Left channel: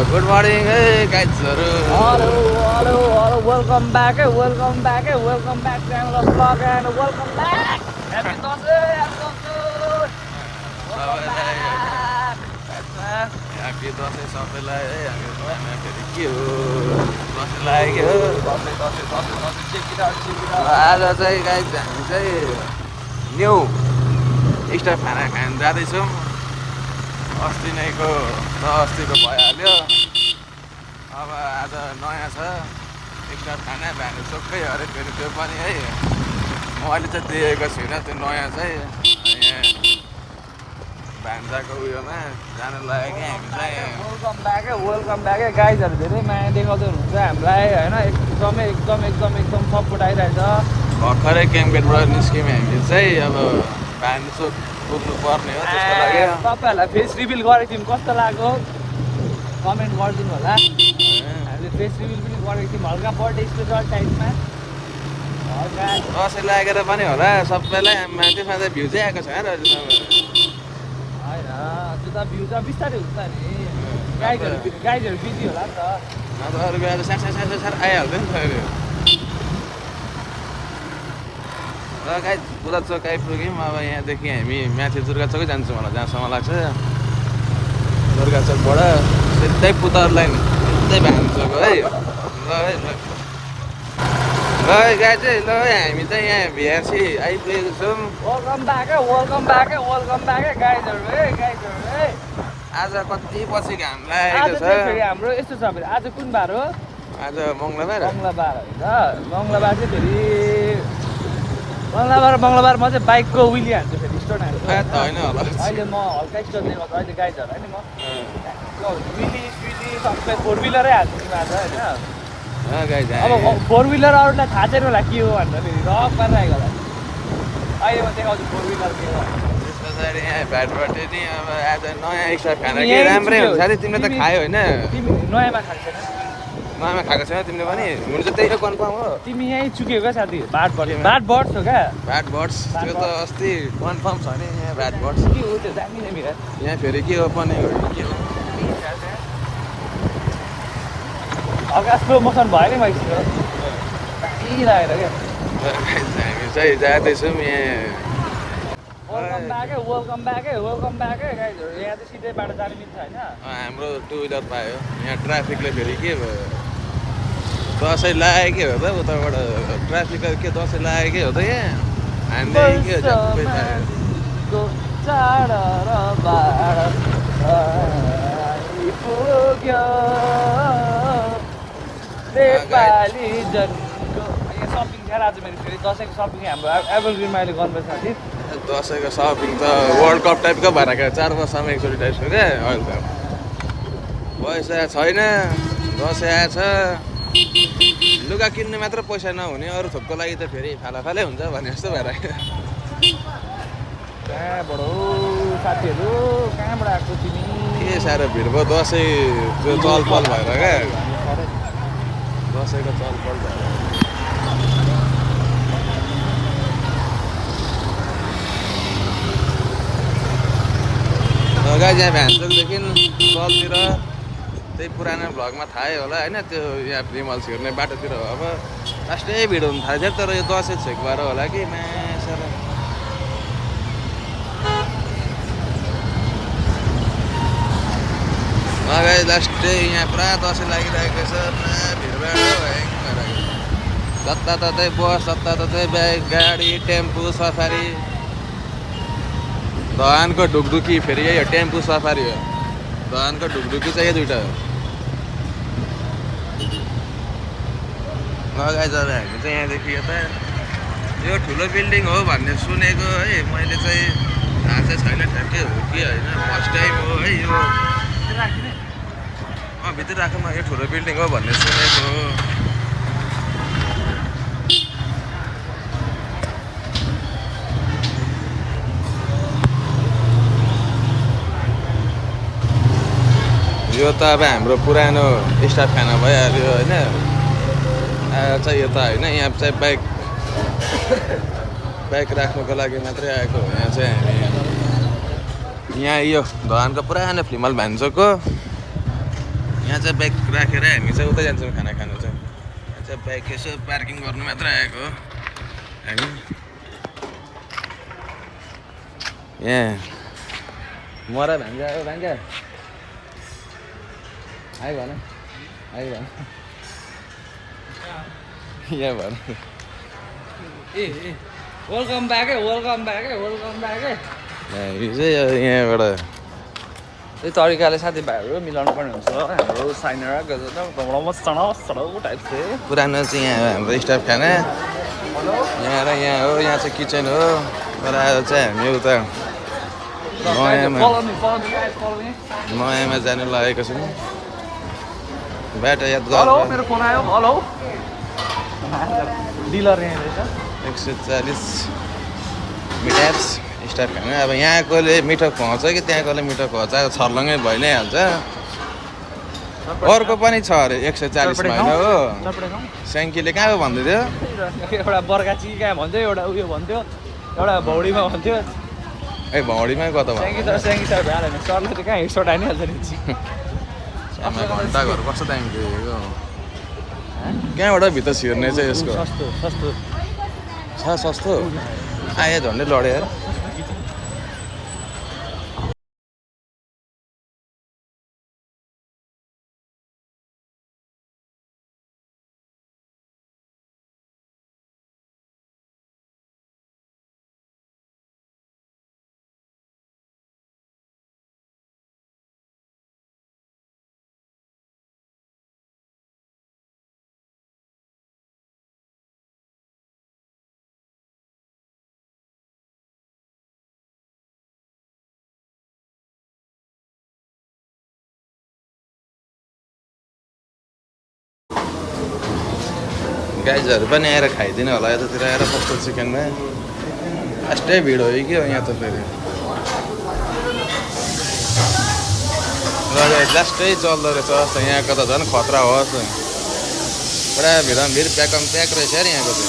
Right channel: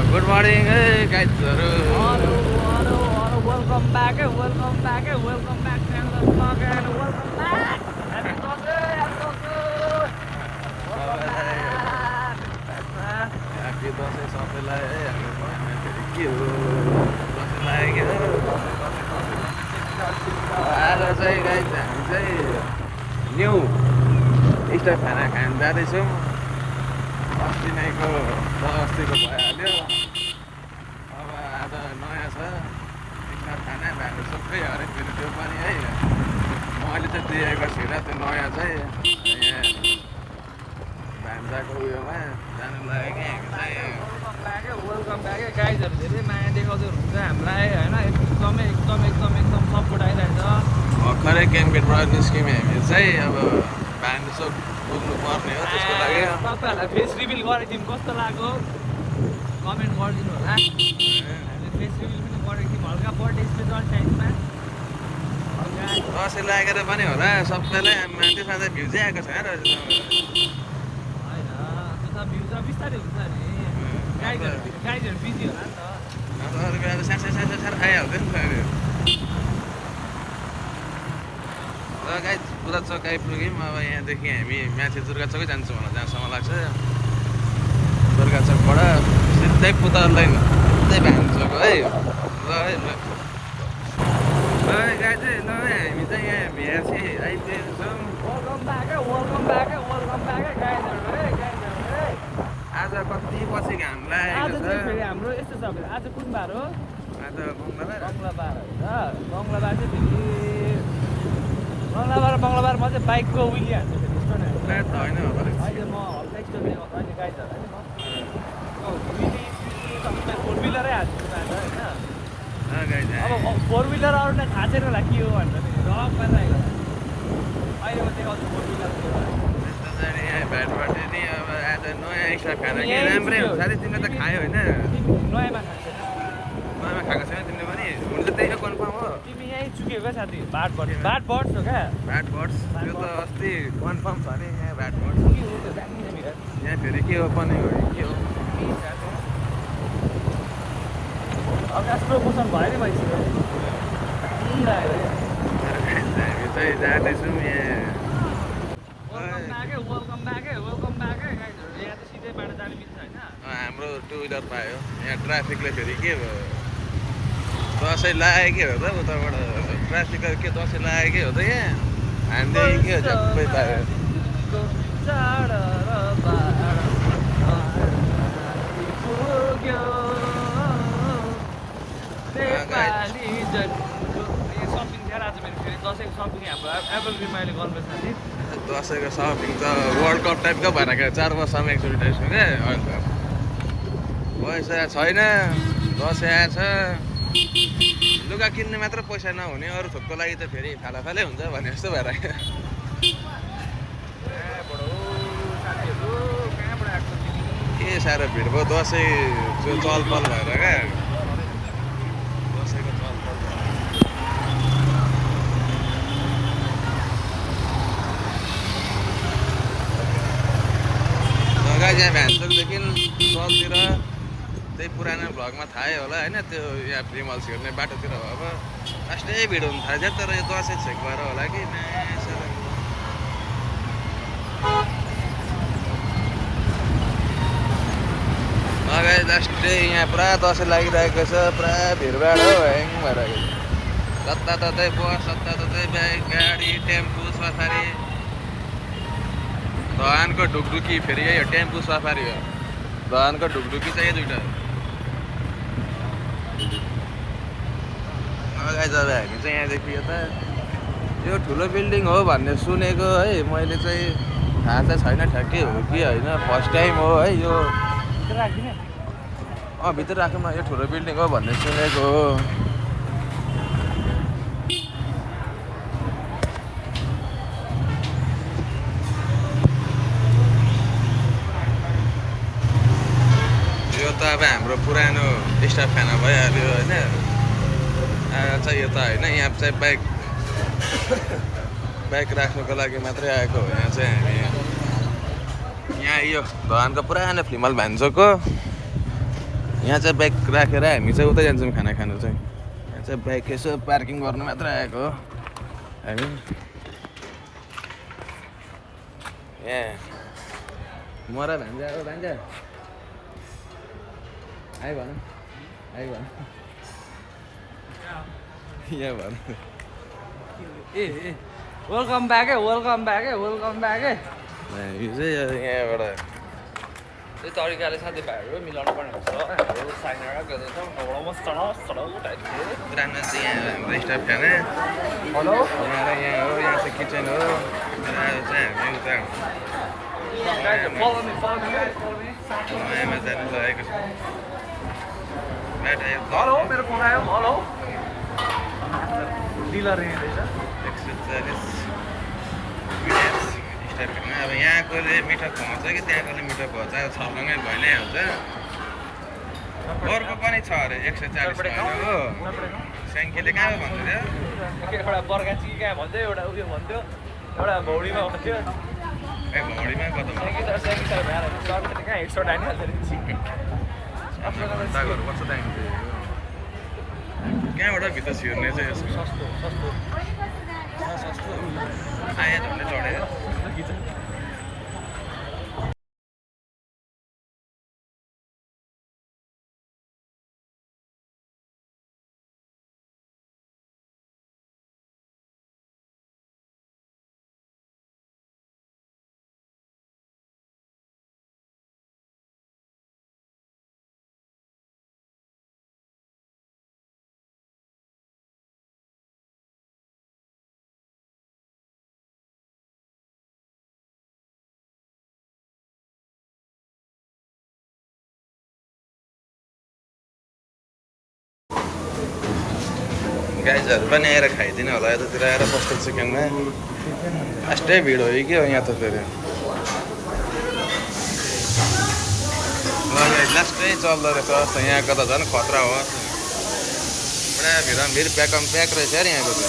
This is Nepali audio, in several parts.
गुड मर्निङ है गाइजहरू Welcome back, welcome back, welcome back to another vlog and welcome back. Happy Thursday, happy Dashain सबैलाई है के हो दसैँ लाग्यो आज चाहिँ गाइज हामी चाहिँ न्यु स्टार खाना खान जाँदैछौँ अस्ति नैको र अस्ति त भइहाल्यो अब आज नयाँ छ स्टार खाना भ्यानु सोक्कै अरे फेरि त्यो पनि है मैले चाहिँ देखेको छुइनँ त्यो नयाँ चाहिँ भान्जाको उयोमा जानु लागेको welcome back, गाइजहरू धेरै माया देखाउँदै हुनुहुन्छ हामीलाई होइन एकदम सपोर्ट आइरहेछ भर्खरै क्याम्पगेटबाट निस्क्यौँ हामी चाहिँ अब भान्जो पुग्नु पर्ने हो त्यसको लागि तपाईँहरूलाई फेस रिभिल गरेको थियौँ कस्तो लाग्यो कमेन्ट गरिदिनु होला हामीले फेस रिभिल पनि गरेको थियौँ हल्का बर्थडे स्पेसल टाइपमा दसैँ लागेर पनि होला सबैलाई त्यसमा चाहिँ भ्यू चाहिँ आएको छैन होइन त्यो त भ्यू त बिस्तारै हुन्छ नि गाइजहरू बिजी होला नि त अब अरू बेला त सार आइहाल्थ्यो नि त अहिले र गाइज बुला चोक आइपुग्यौँ अब यहाँदेखि हामी माथि दुर्गा चोकै जान्छौँ होला जहाँसम्म लाग्छ दुर्गा चोकबाट सिधै पुतर लाइन सिधै भान्चोक है ल गाइज चाहिँ ल हामी चाहिँ यहाँ भिआरसी आइपुगेको छौँ वेलकम ब्याक गाइजहरू आज कति पछि घाम लागेको छ हाम्रो यस्तो छ भने आज कुन बार हो आज मङ्गलबार मङ्गलबार मङ्गलबार चाहिँ फेरि मङ्गलबारमा चाहिँ बाइकको विली हान्छु फेरि स्टोन हान्छु होइन होला अहिले म हल्का स्टोन देखाउँछु अहिले गाइजहरू होइन म विली सबै फोर विलरै हाल्छु आज होइन अब फोर विलर अरूलाई थाहा छैन होला के हो भनेर फेरि रक गरेर आएको होला अहिले म देखाउँछु फोर विलर के हो पछाडि यहाँ भ्याटबाट नि अब आज नयाँ स्टार खाना के राम्रै हुन्छ साथी तिमीले त खायो होइन नयाँमा खाएको छैन नयाँमा खाएको छैन तिमीले पनि हुनु चाहिँ त्यही हो कन्फर्म हो तिमी यहीँ चुक्यो क्या साथी बाट बर्ड्स हो क्या भ्याट बर्ड्स त्यो त अस्ति कन्फर्म छ नि यहाँ भ्याट बर्ड्स के हो त्यो जानिने मेरो यहाँ फेरि के हो पनिङ हो कि के हो अगास प्रमोसन भयो नि मैले कहीँ लागेर क्या हामी चाहिँ जाँदैछौँ यहाँ वेलकम ब्याक गाइजहरू यहाँ चाहिँ सिधै बाटो जानु मिल्छ होइन हाम्रो टु विलर पायो यहाँ ट्राफिकले फेरि के भयो दसैँ लागेकै हो त उताबाट ट्राफिक के दसैँ लागेकै हो त यहाँ हामीले के हो झ्याप्पै पायो सपिङ थियो आज मेरो फेरि दसैँको सपिङ हाम्रो एभरग्रिनमा अहिले गर्नुपर्छ साथी दसैँको सपिङ त वर्ल्ड कप टाइपको भएर क्या 4 वर्षमा एकचोटि टाइपको क्या अहिले त पैसा छैन दसैँ आएछ लुगा किन्ने मात्र पैसा नहुने अरू थोकको लागि त फेरि फालै हुन्छ भने जस्तो भएर कहाँबाट हो साथीहरू कहाँबाट आएको तिमी के साह्रो भिड भयो दसैँ त्यो चलपल भएर क्या दसैँको चलपल भएर गाइज यहाँ भ्यान्चोकदेखि चलतिर त्यही पुरानो भ्लगमा थाहै होला होइन त्यो यहाँ रिमल्स हेर्ने बाटोतिर अब लास्टै भिड हुनु थाल्छ तर यो दसैँ छेक भएर होला कि मासेर गाइज लास्टै यहाँ पुरा दसैँ लागिरहेको छ पुरा भिडभाड हो ह्याङ भएर जताततै बस जताततै बाइक गाडी टेम्पो सफारी धनको ढुकढुकी फेरि यही हो टेम्पो सफारी हो धनको ढुकढुकी चाहिँ यो दुइटा हो गाइज अब हामी चाहिँ यहाँदेखि यता यो ठुलो बिल्डिङ हो भन्ने सुनेको है मैले चाहिँ थाहा चाहिँ छैन ठ्याक्कै हो कि होइन फर्स्ट टाइम हो है यो भित्र राख्नु यो ठुलो बिल्डिङ हो भन्ने सुनेको हो यो त अब हाम्रो पुरानो स्टाफ खाना भइहाल्यो होइन चाहिँ यो त होइन यहाँ चाहिँ बाइक राख्नुको लागि मात्रै आएको हो यहाँ चाहिँ हामी यहाँ यो धनको पुरानो फ्लिमल भान्जोको यहाँ चाहिँ बाइक राखेर हामी चाहिँ उतै जान्छौँ खाना खानु चाहिँ चाहिँ बाइक यसो पार्किङ गर्नु मात्र आएको हो हामी यहाँ मरा भान्जा हो भान्जा आइ भन यहाँ भन ए वेलकम ब्याक है हामी चाहिँ यहाँबाट यही तरिकाले साथीभाइहरू मिलाउनु पर्ने हुन्छ हाम्रो साइनर टाइप चाहिँ पुरानो चाहिँ यहाँ हाम्रो स्टाफ खाना यहाँ र यहाँ हो यहाँ चाहिँ किचन हो र आज चाहिँ हामी उता नयाँमा जानु लागेको छौँ बाटो याद गर्नु मेरो फोन आयो हेलो डिलर यहाँ रहेछ 140 मिनट्स स्टाफ खाना अब यहाँकोले मिठो खुवाउँछ कि त्यहाँकोले मिठो खुवाउँछ अब छर्लङ्गै भइ नै हाल्छ अर्को पनि छ अरे 140 मा होइन हो स्याङ्कीले कहाँ भन्दै थियो एउटा बर्गाची कहाँ भन्थ्यो एउटा उयो भन्थ्यो एउटा भौडीमा भन्थ्यो ए भौडीमा कता भयो सरले त कहाँ हेडसट हानिहाल्छ नि आमा घन्टा घर कस्तो दामी थियो यो कहाँबाट भित्र छिर्ने चाहिँ यसको छ सस्तो आयो झन्डै लड्यो यार गाइजहरू पनि आएर खाइदिनु होला यतातिर आएर पक्को चिकनमा फास्टै भिड हो कि यहाँ त फेरि लास्टै चल्दो रहेछ यहाँको त झन् खतरा होस् पुरा भिड प्याक रहेछ यार यहाँको त्यो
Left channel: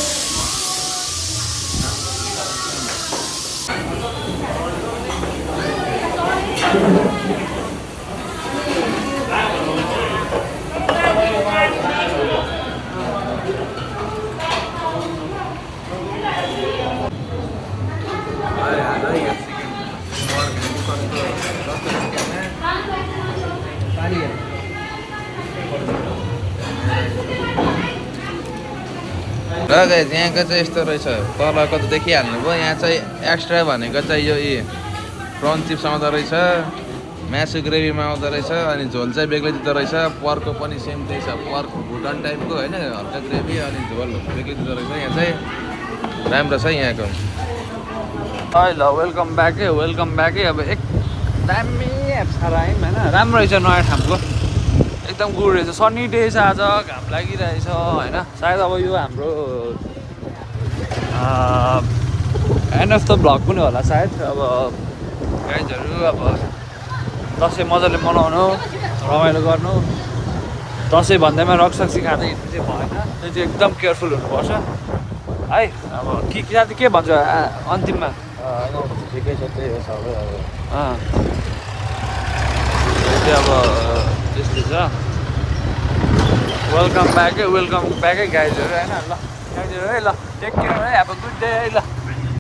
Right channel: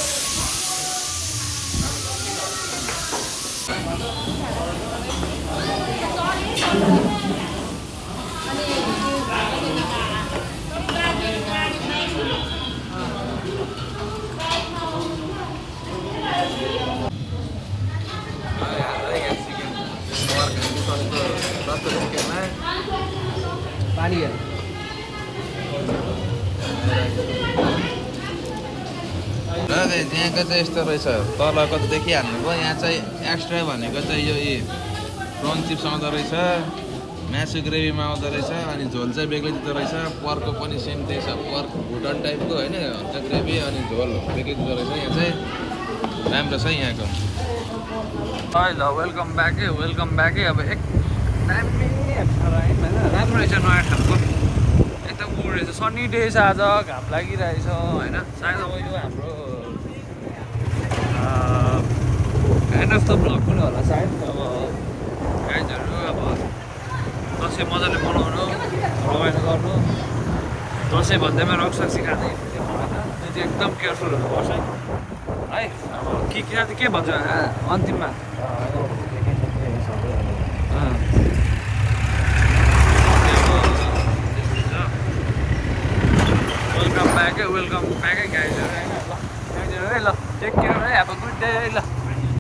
पानी र गाइस यहाँको चाहिँ यस्तो रहेछ तलको त देखिहाल्नु भयो यहाँ चाहिँ एक्स्ट्रा भनेको चाहिँ यो प्रन चिप्स आउँदो रहेछ मासु ग्रेभीमा आउँदो रहेछ अनि झोल चाहिँ बेग्लै दिँदो रहेछ पर्कको पनि सेम त्यही छ पर्क भुटन टाइपको होइन हल्का ग्रेभी अनि झोल बेग्लै दिँदो रहेछ यहाँ चाहिँ राम्रो छ यहाँको ल वेलकम ब्याक है अब एक दामी राम्रो रहेछ नयाँ ठाउँको एकदम गुड रहेछ सन्नी डे छ आज घाम लागिरहेछ होइन सायद अब यो हाम्रो एन्ड अफ द भ्लग पनि होला सायद अब गाइजहरू अब दसैँ मजाले मनाउनु रमाइलो गर्नु दसैँ भन्दैमा रक्सी खाँदै हिँड्नु भएन त्यो चाहिँ एकदम केयरफुल हुनुपर्छ है अब साथी के भन्छ अन्तिममा अब त्यस्तै छ वेलकम ब्याक है गाइजहरू होइन ल गाइजहरू है ल टेक केयर है अब गुड डे है ल